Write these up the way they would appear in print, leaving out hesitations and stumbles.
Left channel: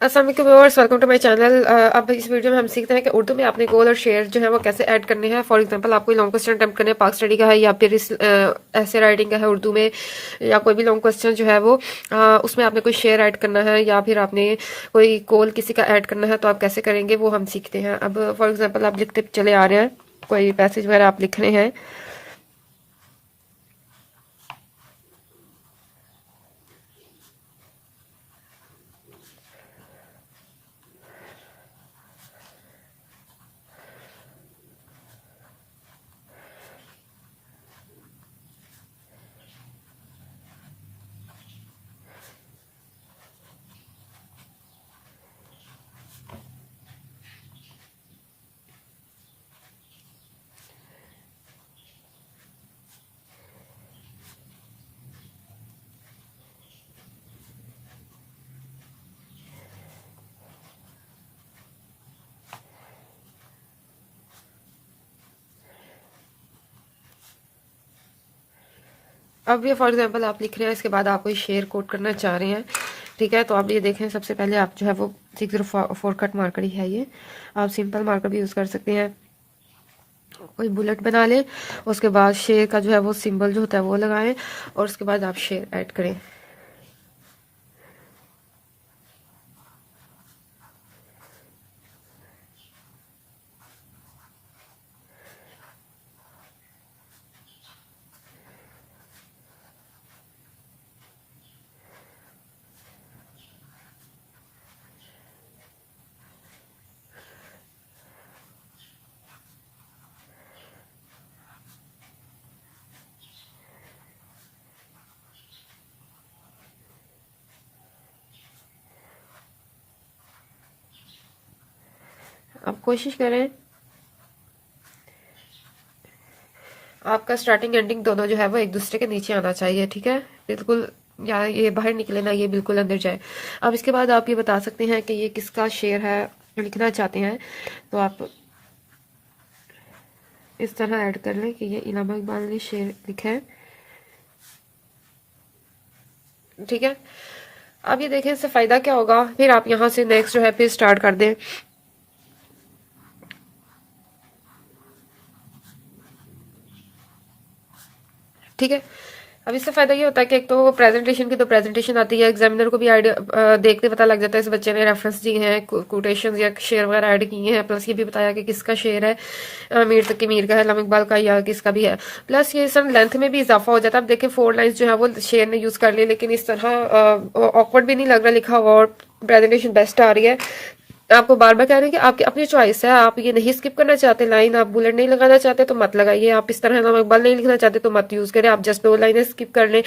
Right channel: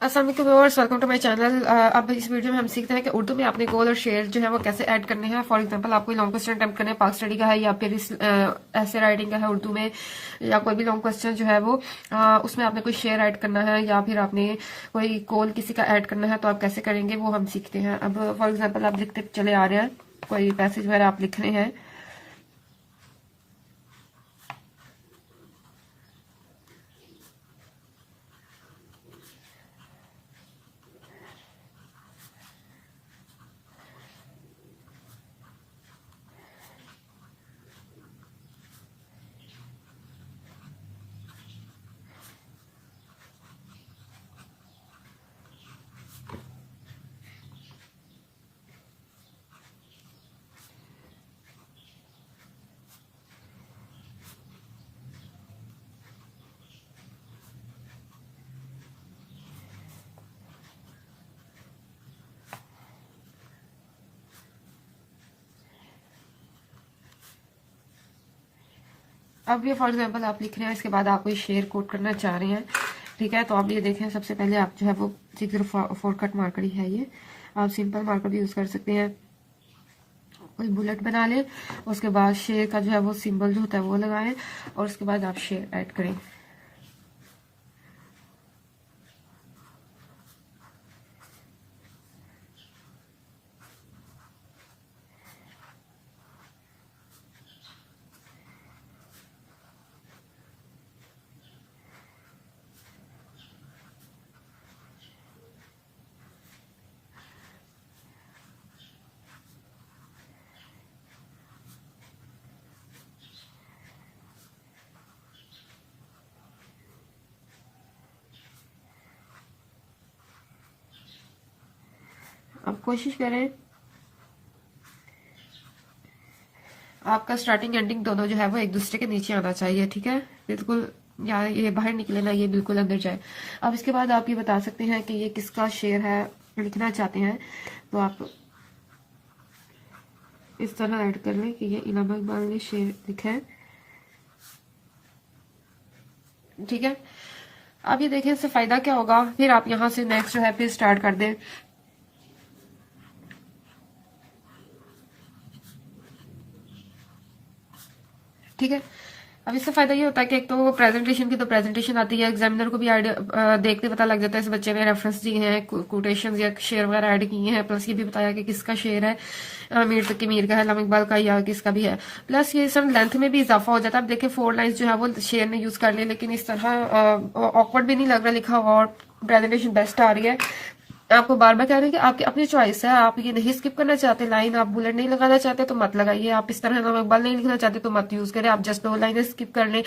अस्सलाम वालेकुम viewers, welcome to my channel. अब इस वीडियो में हम सीखते हैं कि उर्दू में आपने गोल और शेर जो है वो कैसे ऐड करने हैं। फॉर एग्जांपल, आप कोई लॉन्ग क्वेश्चन अटेम्प्ट करने हैं, पाक स्टडी का है या फिर इस ऐसे राइटिंग का है उर्दू में, या कोई भी लॉन्ग क्वेश्चन जो है वो उसमें आपने कोई शेर ऐड करना है या फिर आपने कोई गोल किसी का ऐड करना है, तो आप कैसे करेंगे वो हम सीखते हैं। अब फॉर एग्जाम्पल, आप लिखते चले आ रहे हैं, कोई पैसेज वगैरह आप लिख रहे हैं। अब ये फॉर एग्जांपल आप लिख रहे हैं, इसके बाद आप कोई शेर कोट करना चाह रहे हैं, ठीक है। तो आप ये देखें, सबसे पहले आप जो है वो 604 कट मार्कर ही है ये, आप सिंपल मार्कर भी यूज़ कर सकते हैं। कोई बुलेट बना लें, उसके बाद शेर का जो है वो सिंबल जो होता है वो लगाएं, और उसके बाद आप शेर ऐड करें। आप कोशिश करें आपका स्टार्टिंग एंडिंग दोनों जो है वो एक दूसरे के नीचे आना चाहिए, ठीक है। बिल्कुल, या ये बाहर निकले ना, ये बिल्कुल अंदर जाए। अब इसके बाद आप ये बता सकते हैं कि ये किसका शेर है, लिखना चाहते हैं, तो आप इस तरह ऐड कर लें कि ये इलामा इकबाल ने शेर लिखा है, ठीक है। अब ये देखें इससे फायदा क्या होगा। फिर आप यहाँ से नेक्स्ट जो है फिर स्टार्ट कर दें, ठीक है। अब इससे फायदा ये होता है कि एक तो प्रेजेंटेशन की तो प्रेजेंटेशन आती है, एग्जामिनर को भी आइडिया देखते पता लग जाता है इस बच्चे ने रेफरेंस दिए हैं, कोटेशन या शेर वगैरह ऐड किए हैं, प्लस ये भी बताया कि किसका शेर है, मीर तक मीर का है, इलामा इकबाल का या किसका भी है। प्लस ये सब लेंथ में भी इजाफा हो जाता है। अब देखिए 4 लाइन्स जो है वो शेर ने यूज कर ली, लेकिन इस तरह ऑकवर्ड भी नहीं लग रहा लिखा हुआ, और प्रेजेंटेशन बेस्ट आ रही है। आपको बार बार कह रहे हैं कि आपकी अपनी चॉइस है, आप ये नहीं स्किप करना चाहते लाइन, आप बुलेट नहीं लगाना चाहते तो मत लगाइए, आप इस तरह इलामा इकबाल नहीं लिखना चाहते तो मत यूज करें, आप जस्ट 2 लाइनें स्किप कर लें,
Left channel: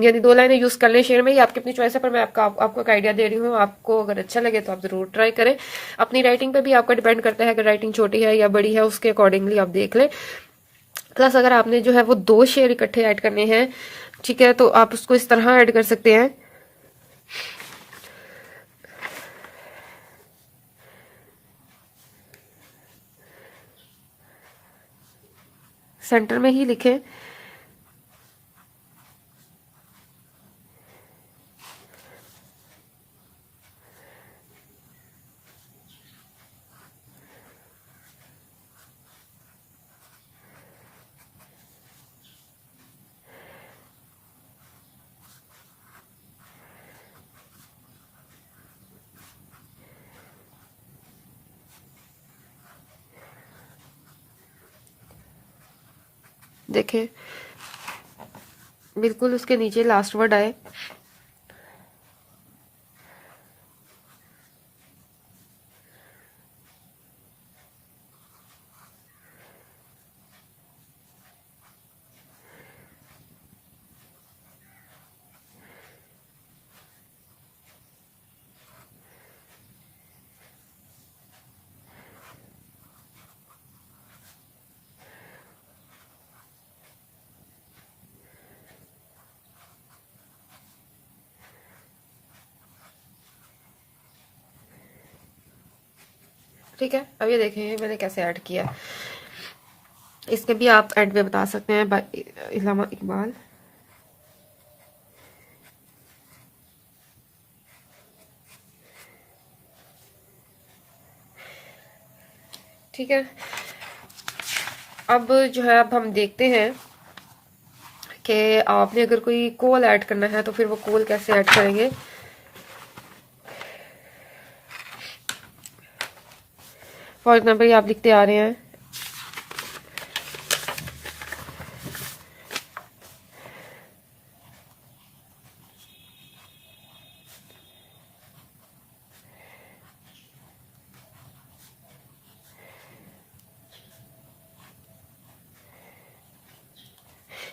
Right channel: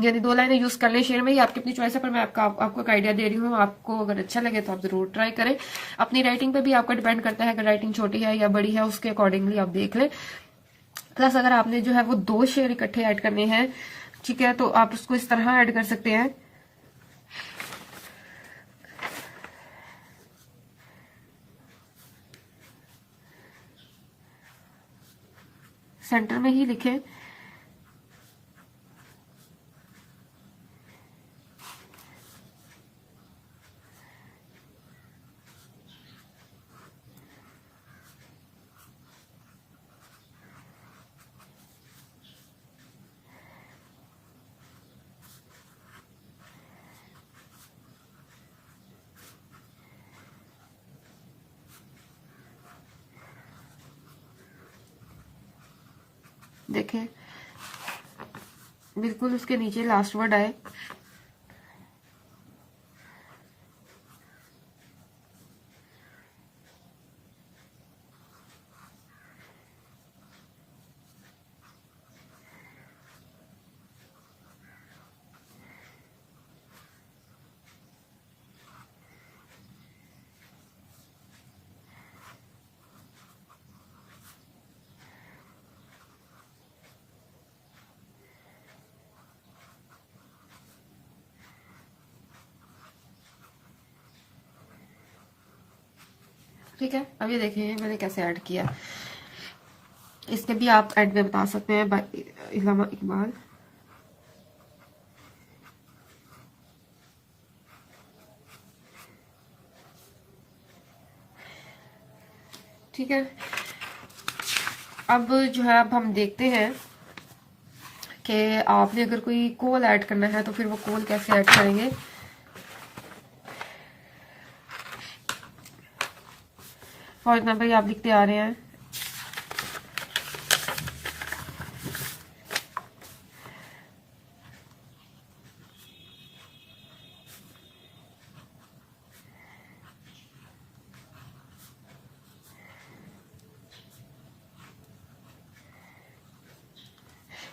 यानी 2 लाइनें यूज कर लें शेर में, ही आपकी अपनी चॉइस है। पर मैं आपको एक आइडिया दे रही हूँ, आपको अगर अच्छा लगे तो आप जरूर ट्राई करें। अपनी राइटिंग पे भी आपका डिपेंड करता है, अगर राइटिंग छोटी है या बड़ी है उसके अकॉर्डिंगली आप देख लें। प्लस अगर आपने जो है वो 2 शेर इकट्ठे ऐड करने हैं, ठीक है, तो आप उसको इस तरह ऐड कर सकते हैं। सेंटर में ही लिखें, देखें बिल्कुल उसके नीचे लास्ट वर्ड आए। ठीक है, अब ये देखें मैंने कैसे ऐड किया। इसके भी आप एंड में बता सकते हैं बाय इलामा इकबाल। ठीक है, अब जो है अब हम देखते हैं कि आपने अगर कोई कोल ऐड करना है तो फिर वो कोल कैसे ऐड करेंगे। फॉर एग्जाम्पल ये आप लिखते आ रहे हैं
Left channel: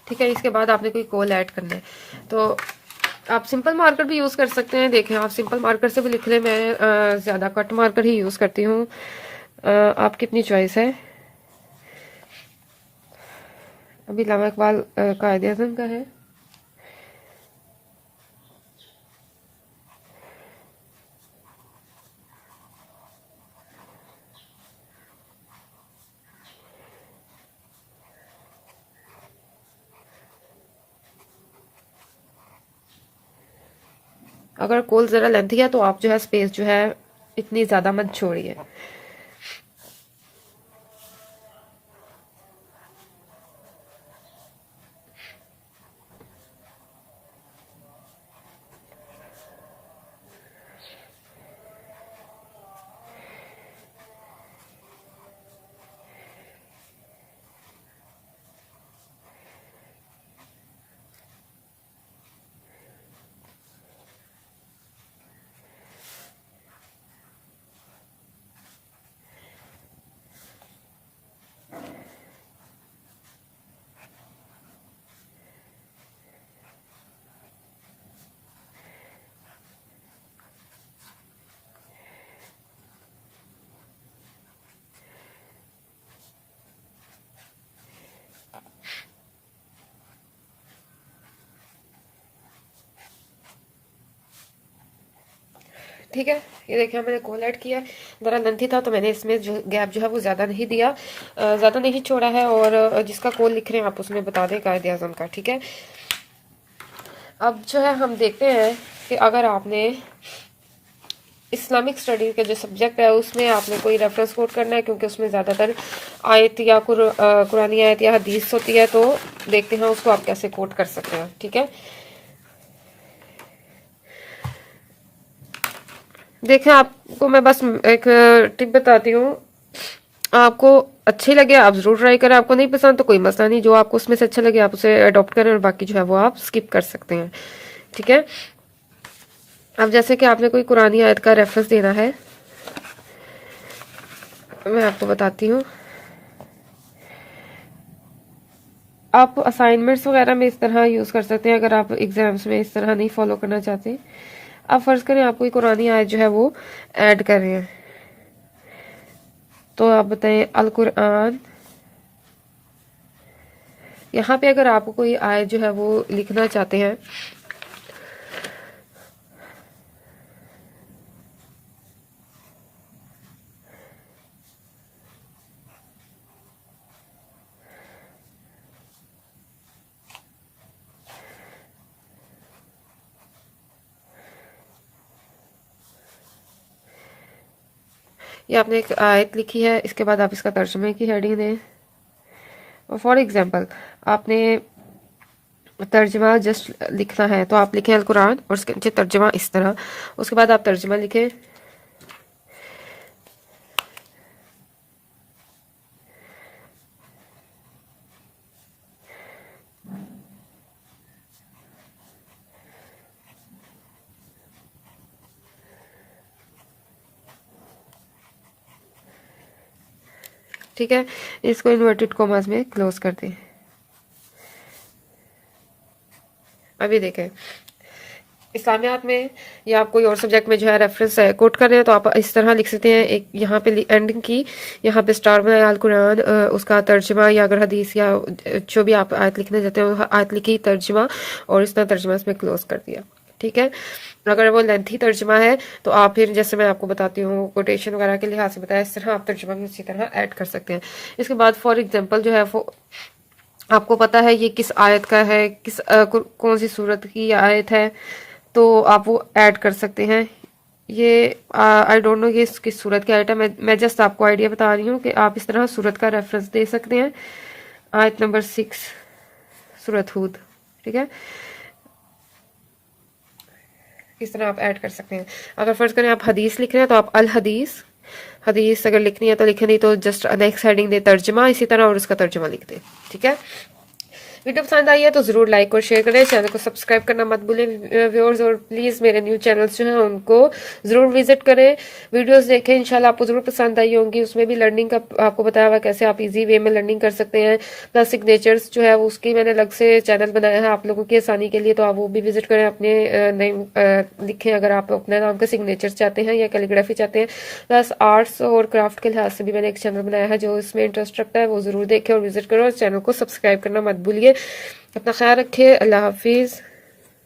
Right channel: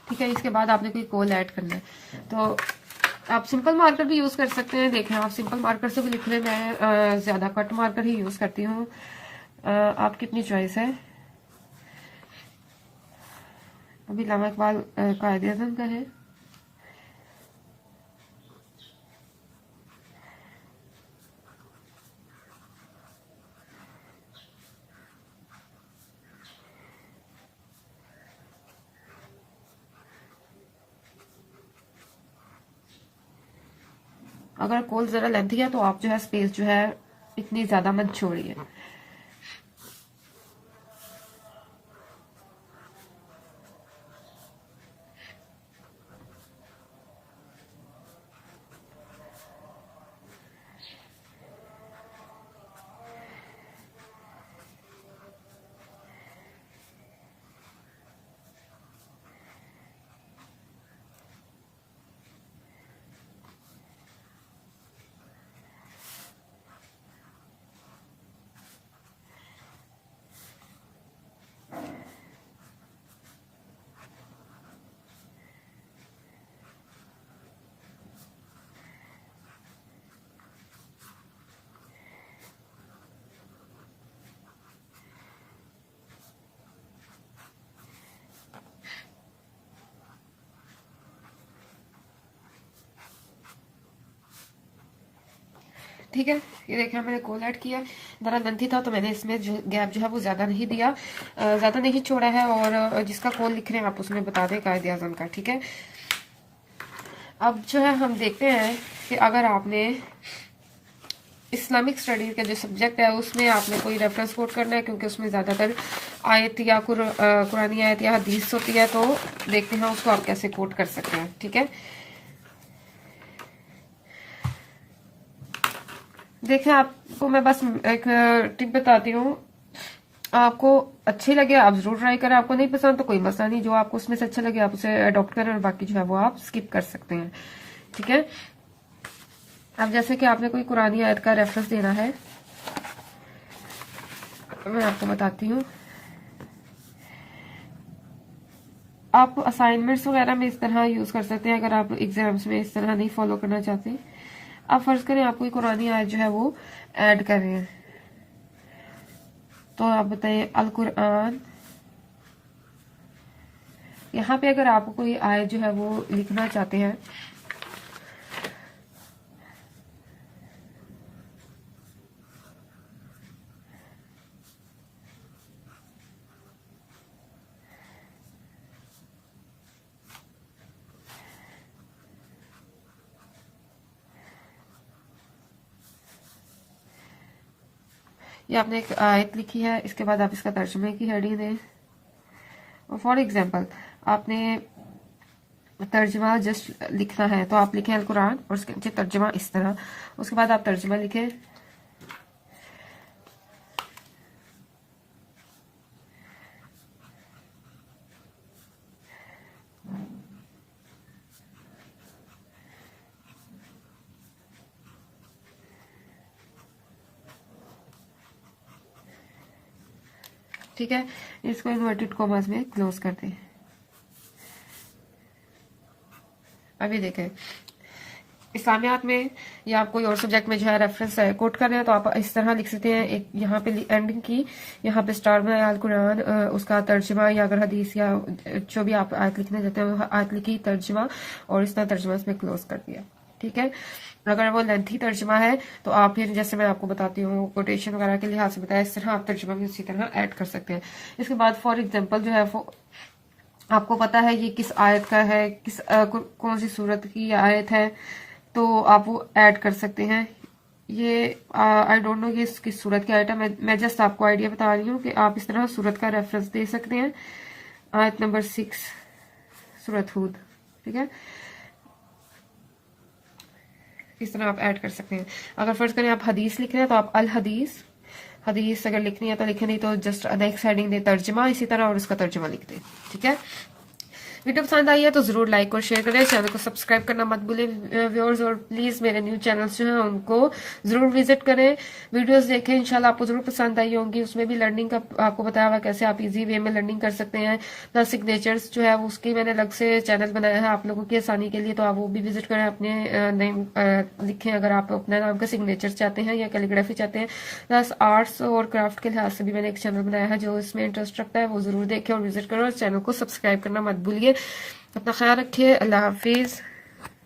ठीक है, इसके बाद आपने कोई कोल ऐड करना है तो आप सिंपल मार्कर भी यूज़ कर सकते हैं। देखें, आप सिंपल मार्कर से भी लिख लें, मैं ज़्यादा कट मार्कर ही यूज़ करती हूँ, आपकी अपनी चॉइस है। अभी अल्लामा इकबाल कायदे आज़म का है। अगर कोल ज़रा लेंथी है तो आप जो है स्पेस जो है इतनी ज़्यादा मत छोड़िए। ठीक है, ये देखिए मैंने कोल ऐड किया, ज़रा लेंथी था तो मैंने इसमें जो गैप जो है वो ज़्यादा नहीं दिया, ज़्यादा नहीं छोड़ा है। और जिसका कोल लिख रहे हैं आप उसमें बता दें कायदे आज़म का। ठीक है, अब जो है हम देखते हैं कि अगर आपने इस्लामिक स्टडीज़ का जो सब्जेक्ट है उसमें आपने कोई रेफरेंस कोट करना है, क्योंकि उसमें ज़्यादातर आयत या कुरानी आयत या हदीस होती है, तो देखते हैं उसको आप कैसे कोट कर सकते हैं। ठीक है, देखें आपको मैं बस एक टिप बताती हूँ, आपको अच्छी लगे आप जरूर ट्राई करें, आपको नहीं पसंद तो कोई मसला नहीं, जो आपको उसमें से अच्छा लगे आप उसे अडॉप्ट करें और बाकी जो है वो आप स्किप कर सकते हैं। ठीक है, अब जैसे कि आपने कोई कुरानी आयत का रेफरेंस देना है, मैं आपको बताती हूँ। आप असाइनमेंट्स वगैरह में इस तरह यूज़ कर सकते हैं, अगर आप एग्जाम्स में इस तरह नहीं फॉलो करना चाहते। आप फर्ज करें आप कोई कुरानी आयत जो है वो ऐड कर रहे हैं, तो आप बताएं अल कुरान। यहाँ पे अगर आप कोई आयत जो है वो लिखना चाहते हैं, या आपने एक आयत लिखी है, इसके बाद आप इसका तर्जुमे की हेडिंग दें। फॉर एग्जांपल आपने तर्जुमा जस्ट लिखना है तो आप लिखें अल कुरान और उसके नीचे तर्जुमा इस तरह, उसके बाद आप तर्जुमा लिखें। ठीक है, इसको इन्वर्टेड कॉमास में क्लोज कर दें। अभी देखें इस्लामियात में या आप कोई और सब्जेक्ट में जो है रेफरेंस कोट कर रहे हैं तो आप इस तरह लिख सकते हैं, एक यहाँ पे एंडिंग की, यहाँ पे स्टार बनाया अल कुरान, उसका तर्जुमा या अगर हदीस या जो भी आप आयत लिखने चाहते हैं आयत लिखी तर्जुमा और इस तरह तर्जुमा इसमें क्लोज कर दिया। ठीक है, अगर वो लेंथी तर्जुमा है तो आप फिर जैसे मैं आपको बताती हूँ कोटेशन वगैरह के लिहाज से बताया, इस तरह आप तर्जुमा भी उसी तरह ऐड कर सकते हैं। इसके बाद फॉर एग्जाम्पल जो है वो आपको पता है ये किस आयत का है, किस कौन सी सूरत की आयत है, तो आप वो ऐड कर सकते हैं। ये आई डोंट नो ये इसकी सूरत क्या है, मैं जस्ट आपको आइडिया बता रही हूँ कि आप इस तरह सूरत का रेफरेंस दे सकते हैं। आयत नंबर 6 सूरत हूद, ठीक है, इस तरह आप ऐड कर सकते हैं। अगर फर्ज करें आप हदीस लिख रहे हैं तो आप अल हदीस, हदीस अगर लिखनी है तो लिखे, नहीं तो जस्ट नेक्स्ट हेडिंग दे तर्जमा इसी तरह और उसका तर्जमा लिख दे, ठीक है। वीडियो पसंद आई है तो जरूर लाइक और शेयर करें, चैनल को सब्सक्राइब करना मत भूलें व्यूअर्स, और प्लीज मेरे न्यू चैनल्स जो हैं उनको जरूर विजिट करें, वीडियोस देखें, इंशाल्लाह आपको जरूर पसंद आई होंगी। उसमें भी लर्निंग का आपको बताया हुआ कैसे आप इजी वे में लर्निंग कर सकते हैं। प्लस सिग्नेचर्स जो है वो उसकी मैंने अलग से चैनल बनाया है आप लोगों की आसानी के लिए, तो आप वो भी विजिट करें, अपने नेम लिखें अगर आप अपने नाम का सिग्नेचर चाहते हैं या कैलीग्राफी चाहते हैं। प्लस आर्ट्स और क्राफ्ट के लिहाज से भी मैंने एक चैनल बनाया है, जो इसमें इंटरेस्ट रखता है वो जरूर देखे और विजिट करें, और चैनल को सब्सक्राइब करना मत भूलिए। अपना ख्याल रखिए, अल्लाह हाफिज।